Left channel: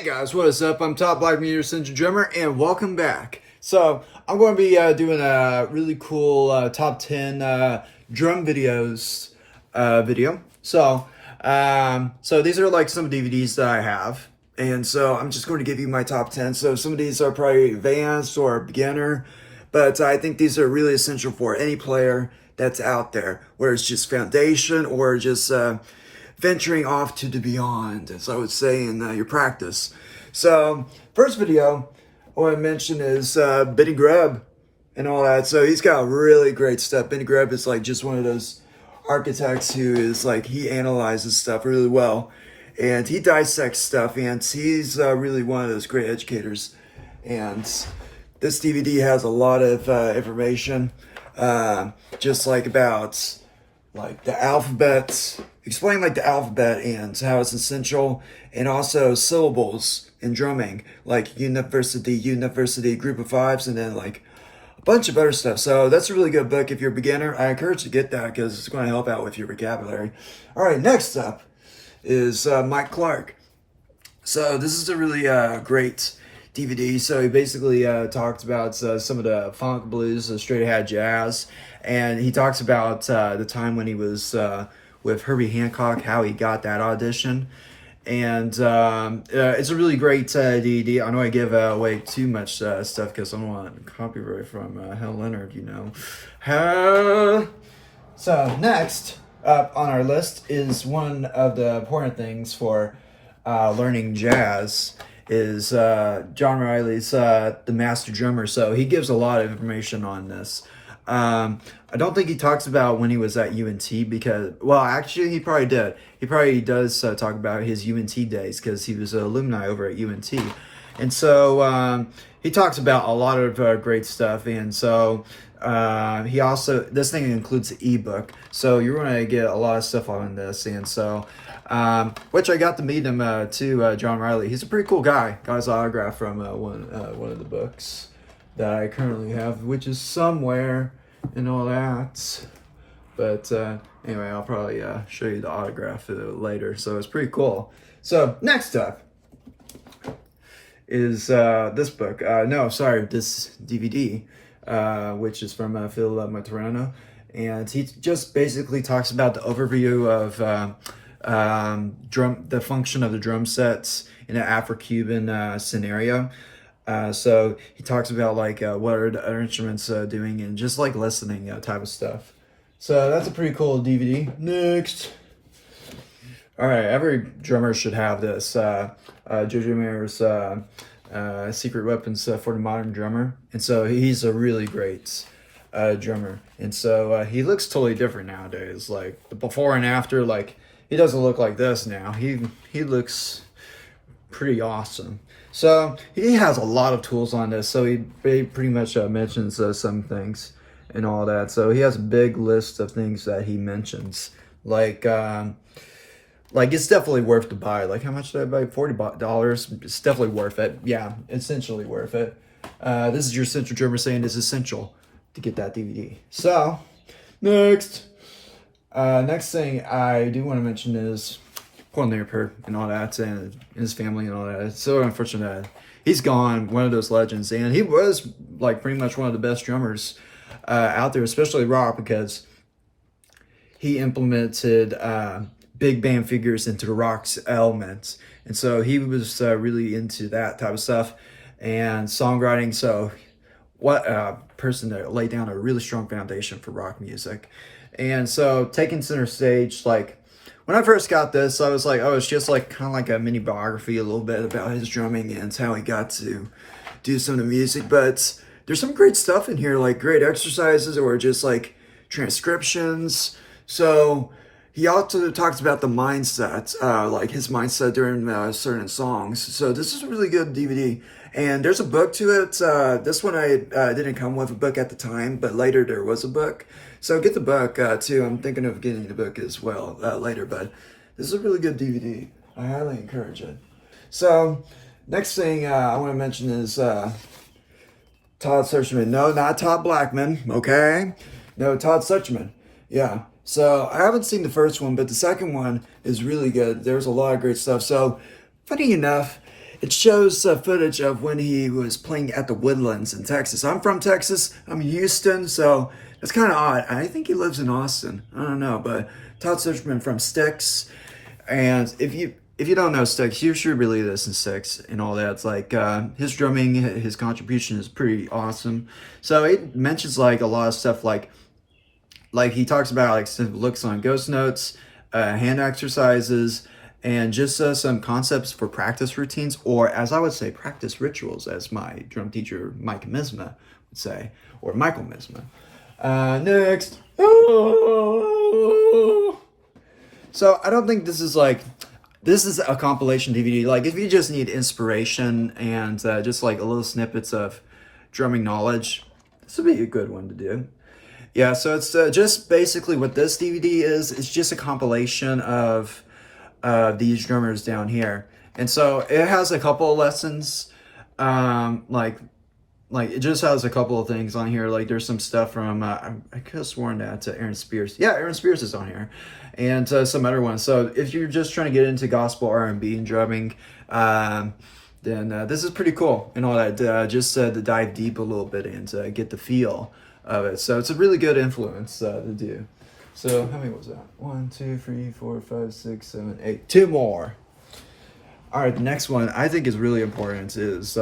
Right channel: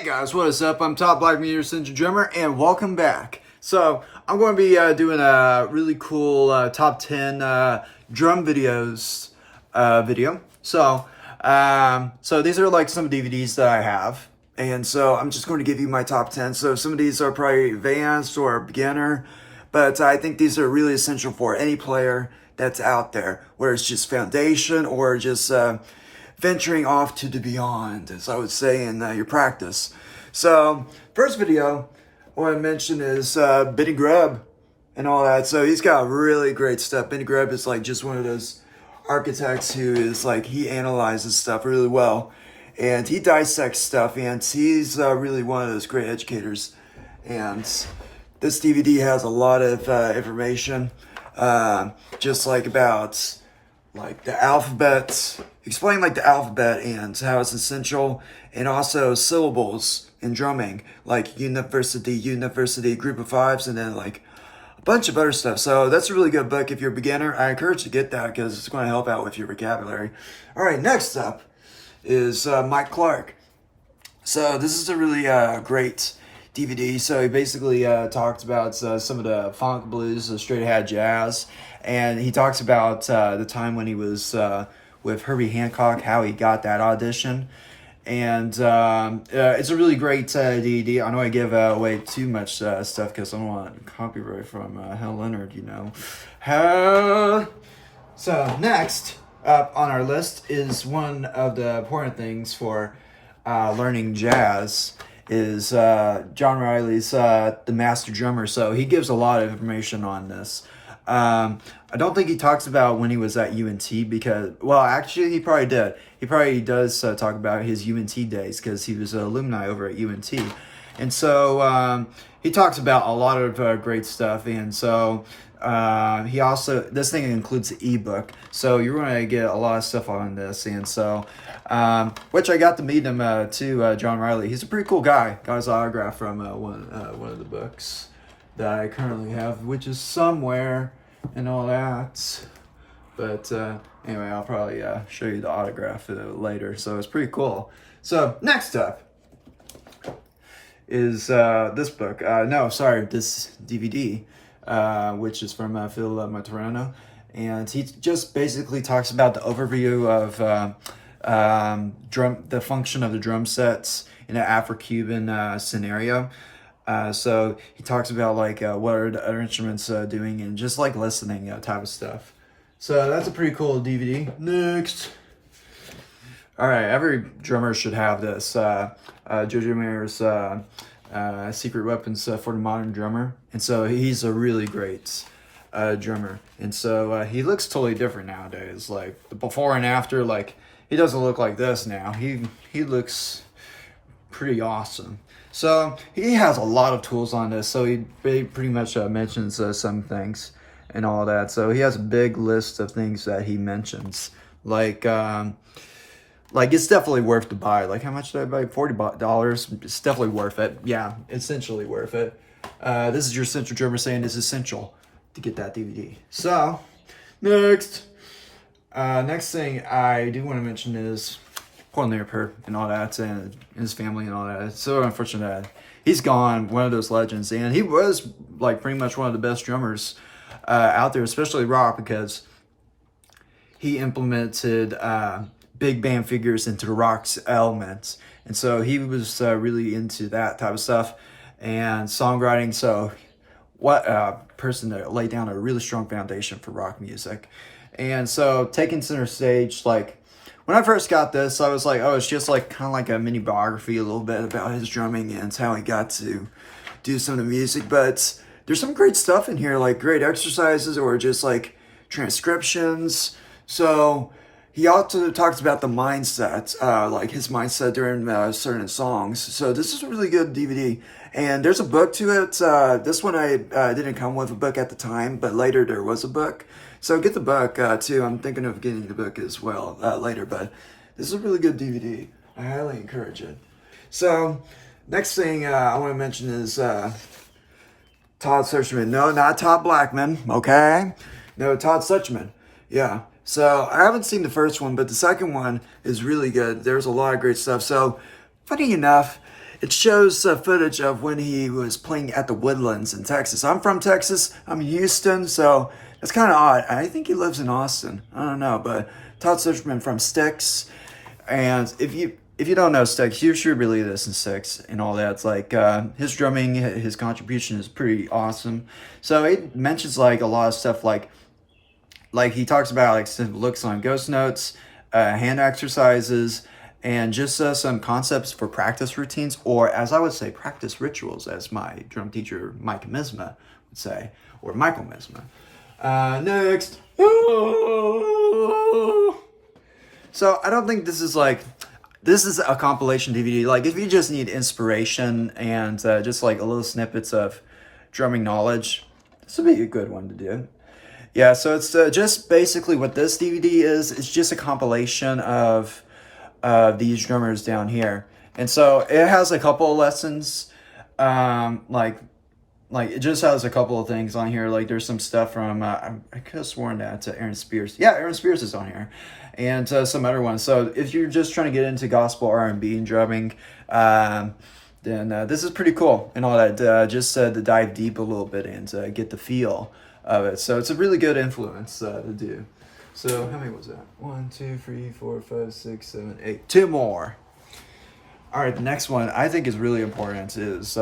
Hey guys, what is up? I'm Todd Suchman drummer, and welcome back. So I'm going to be doing a really cool top 10 drum videos video. So these are like some DVDs that I have, and so I'm just going to give you my top 10. So some of these are probably advanced or beginner, but I think these are really essential for any player that's out there, where it's just foundation or just venturing off to the beyond, as I would say in your practice. So, first video I want to mention is Biddy Grub and all that. So he's got really great stuff. Biddy Grub is like just one of those architects who is like, he analyzes stuff really well, and he dissects stuff, and he's really one of those great educators. And this DVD has a lot of information, just like about like the alphabet, explain like the alphabet and how it's essential, and also syllables in drumming, like university, group of fives, and then like a bunch of other stuff. So that's a really good book if you're a beginner. I encourage you to get that because it's going to help out with your vocabulary. All right, next up is Mike Clark. So this is a really great DVD. So he basically talks about some of the funk, blues, straight ahead jazz, and he talks about the time when he was with Herbie Hancock, how he got that audition. And it's a really great DVD. I know I give away too much stuff because I don't want copyright from Hal Leonard, you know. So next up on our list is one of the important things for learning jazz is John Riley's The Master Drummer. So he gives a lot of information on this. I don't think he talks about when he was at UNT because, well, actually he probably did. He probably does talk about his UNT days because he was an alumni over at UNT. And so he talks about a lot of great stuff. And so he also, this thing includes the ebook. So you're going to get a lot of stuff on this. And so, which I got to meet him too, John Riley. He's a pretty cool guy. Got his autograph from one of the books that I currently have, which is somewhere and all that. But anyway, I'll probably show you the autograph later. So it's pretty cool. So next up is this book. This DVD, which is from Phil Verona. And he just basically talks about the overview of the function of the drum sets in an Afro-Cuban scenario. So he talks about like what are the other instruments doing, and just like listening type of stuff. So that's a pretty cool DVD. Next. All right, every drummer should have this. Juju Mirrors, Secret Weapons for the Modern Drummer. And so he's a really great drummer. And so he looks totally different nowadays. Like the before and after, like he doesn't look like this now. He looks pretty awesome. So he has a lot of tools on this. So he pretty much mentions some things and all that. So he has a big list of things that he mentions. Like it's definitely worth to buy. Like how much did I buy? $40. It's definitely worth it. Yeah, essentially worth it. This is your Central Drummer saying it's essential to get that DVD. So next thing I do want to mention is Paul Napier and all that, and his family and all that. It's so unfortunate that he's gone, one of those legends. And he was like pretty much one of the best drummers out there, especially rock, because he implemented big band figures into the rock's elements. And so he was really into that type of stuff and songwriting. So what a person that laid down a really strong foundation for rock music. And so taking center stage, like when I first got this, I was like, oh, it's just like kind of like a mini biography a little bit about his drumming and how he got to do some of the music. But there's some great stuff in here, like great exercises or just like transcriptions. So he also talks about the mindset, like his mindset during certain songs. So this is a really good DVD. And there's a book to it. This one I didn't come with a book at the time, but later there was a book. So get the book too. I'm thinking of getting the book as well later, but this is a really good DVD. I highly encourage it. So next thing I want to mention is Todd Suchman. No, not Todd Blackman, okay? No, Todd Suchman. Yeah. So I haven't seen the first one, but the second one is really good. There's a lot of great stuff. So funny enough, it shows footage of when he was playing at the Woodlands in Texas. I'm from Texas. I'm in Houston, so it's kind of odd. I think he lives in Austin. I don't know, but Todd Suchman from Styx. And if you don't know Styx, you should really listen to Styx and all that. It's like his drumming, his contribution is pretty awesome. So it mentions like a lot of stuff like he talks about like some looks on ghost notes, hand exercises, and just some concepts for practice routines, or as I would say, practice rituals, as my drum teacher Mike Misma would say, or Michael Misma. Next. So I don't think this is a compilation DVD. Like if you just need inspiration and just like a little snippets of drumming knowledge, this would be a good one to do. Yeah, so it's just basically what this DVD is. It's just a compilation of these drummers down here. And so it has a couple of lessons, like it just has a couple of things on here. Like there's some stuff from, I could have sworn that Aaron Spears. Yeah, Aaron Spears is on here. And some other ones. So if you're just trying to get into gospel R&B and drumming, then this is pretty cool and all that. Just to dive deep a little bit and get the feel of it. So it's a really good influence to do. So how many was that? 1, 2, 3, 4, 5, 6, 7, 8. 2 more. All right, the next one I think is really important is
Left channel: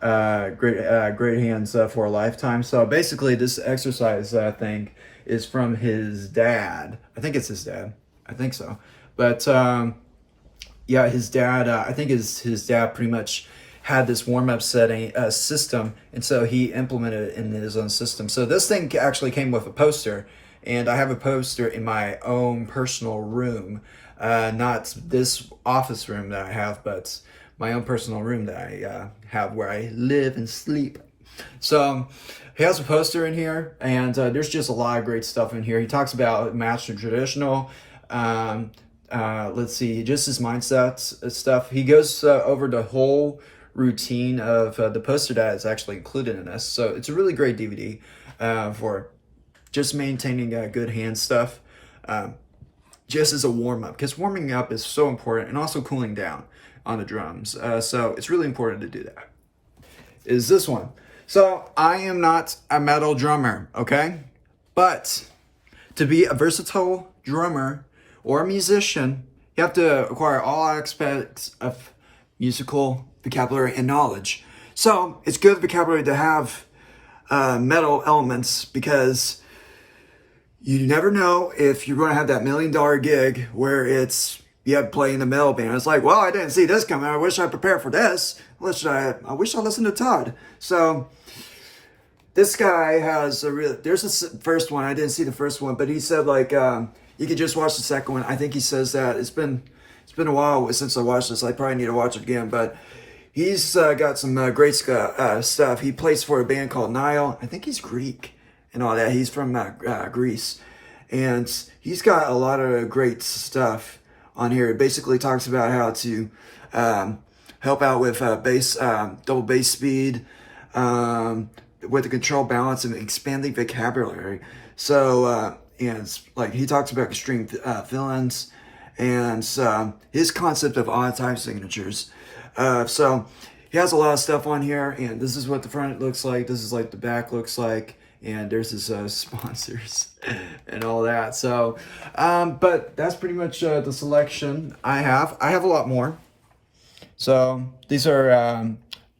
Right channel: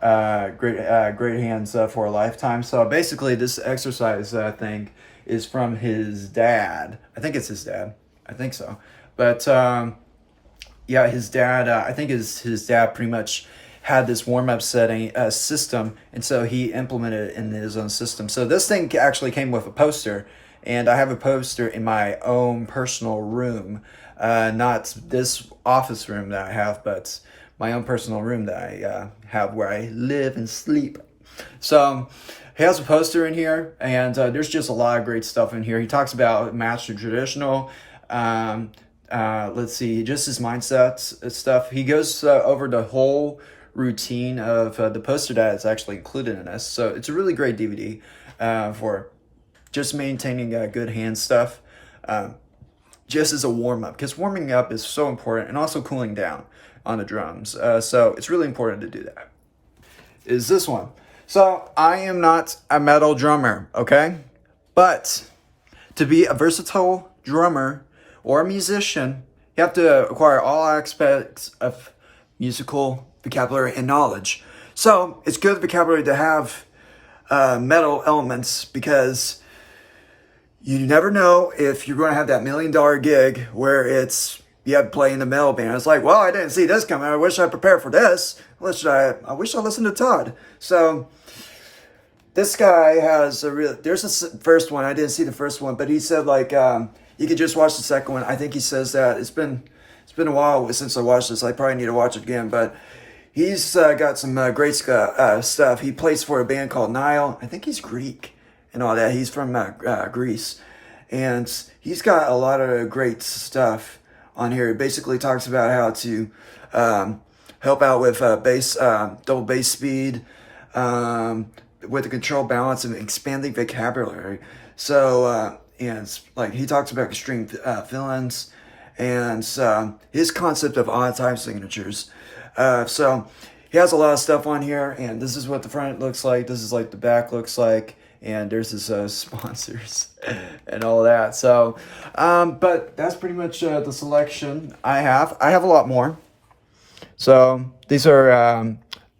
great hands for a lifetime. So basically, this exercise thing is from his dad. I think it's his dad. I think so. But yeah, his dad. I think his dad pretty much had this warm-up setting system, and so he implemented it in his own system. So this thing actually came with a poster. And I have a poster in my own personal room, not this office room that I have, but my own personal room that I have where I live and sleep. So he has a poster in here, and there's just a lot of great stuff in here. He talks about master traditional, let's see, just his mindset stuff. He goes over the whole routine of the poster that is actually included in this. So it's a really great DVD for just maintaining good hand stuff, just as a warm-up, because warming up is so important, and also cooling down on the drums. So it's really important to do that. Is this one. So I am not a metal drummer, okay? But to be a versatile drummer or a musician, you have to acquire all aspects of musical vocabulary and knowledge. So it's good vocabulary to have metal elements, because you never know if you're going to have that $1 million gig where you have to play in the metal band. It's like, well, I didn't see this coming. I wish I prepared for this. I wish I listened to Todd. So this guy has there's a first one. I didn't see the first one, but he said like, you could just watch the second one. I think he says that it's been a while since I watched this. I probably need to watch it again, but he's got some great stuff. He plays for a band called Nile. I think he's Greek and all that. He's from Greece, and he's got a lot of great stuff on here. It basically talks about how to help out with double bass speed, with the control balance and expanding vocabulary. So and it's like he talks about extreme fill-ins and his concept of odd time signatures. So he has a lot of stuff on here, and this is what the front looks like. This is like the back looks like. And there's his sponsors and all that. So, but that's pretty much the selection I have. I have a lot more. So these are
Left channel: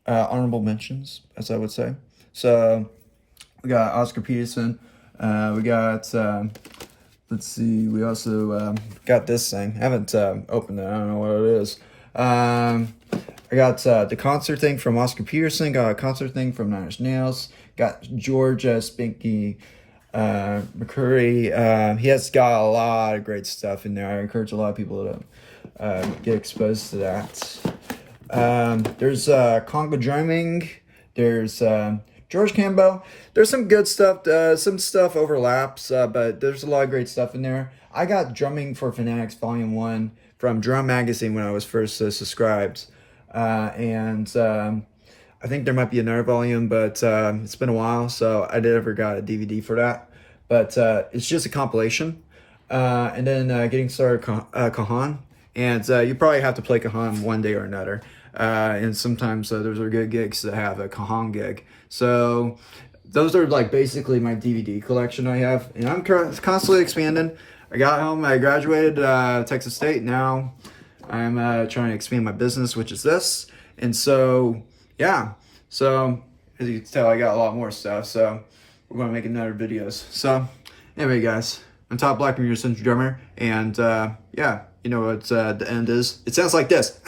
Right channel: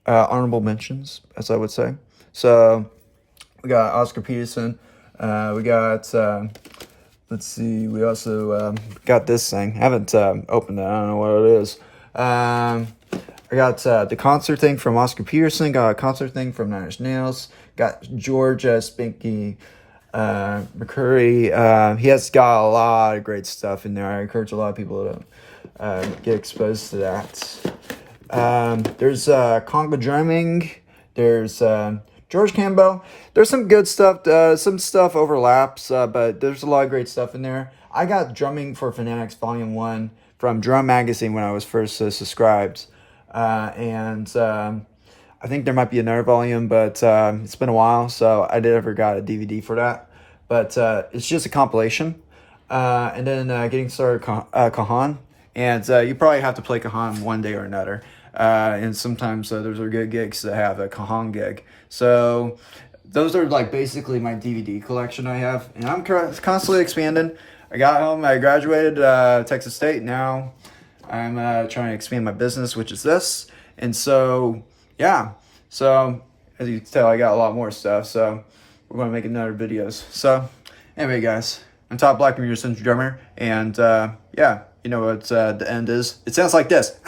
honorable mentions, as I would say. So we got Oscar Peterson. We got, let's see, we also got this thing. I haven't opened it. I don't know what it is. I got the concert thing from Oscar Peterson. Got a concert thing from Nine Inch Nails. Got George Spinky McCurry. He has got a lot of great stuff in there. I encourage a lot of people to get exposed to that. There's Congo drumming. There's George Campbell. There's some good stuff. Some stuff overlaps, but there's a lot of great stuff in there. I got Drumming for Fanatics Volume 1 from Drum Magazine when I was first subscribed. I think there might be another volume, but it's been a while, so I never got a DVD for that. But it's just a compilation. And then Getting Started Cajon. And you probably have to play Cajon one day or another. And sometimes those are good gigs to have, a Cajon gig. So those are like basically my DVD collection I have, and I'm constantly expanding. I got home, I graduated Texas State. Now I'm trying to expand my business, which is this. And so, yeah. So as you can tell, I got a lot more stuff. So we're going to make another videos. So anyway, guys, I'm Todd Black, your Central Drummer. And yeah, you know what the end is. It sounds like this.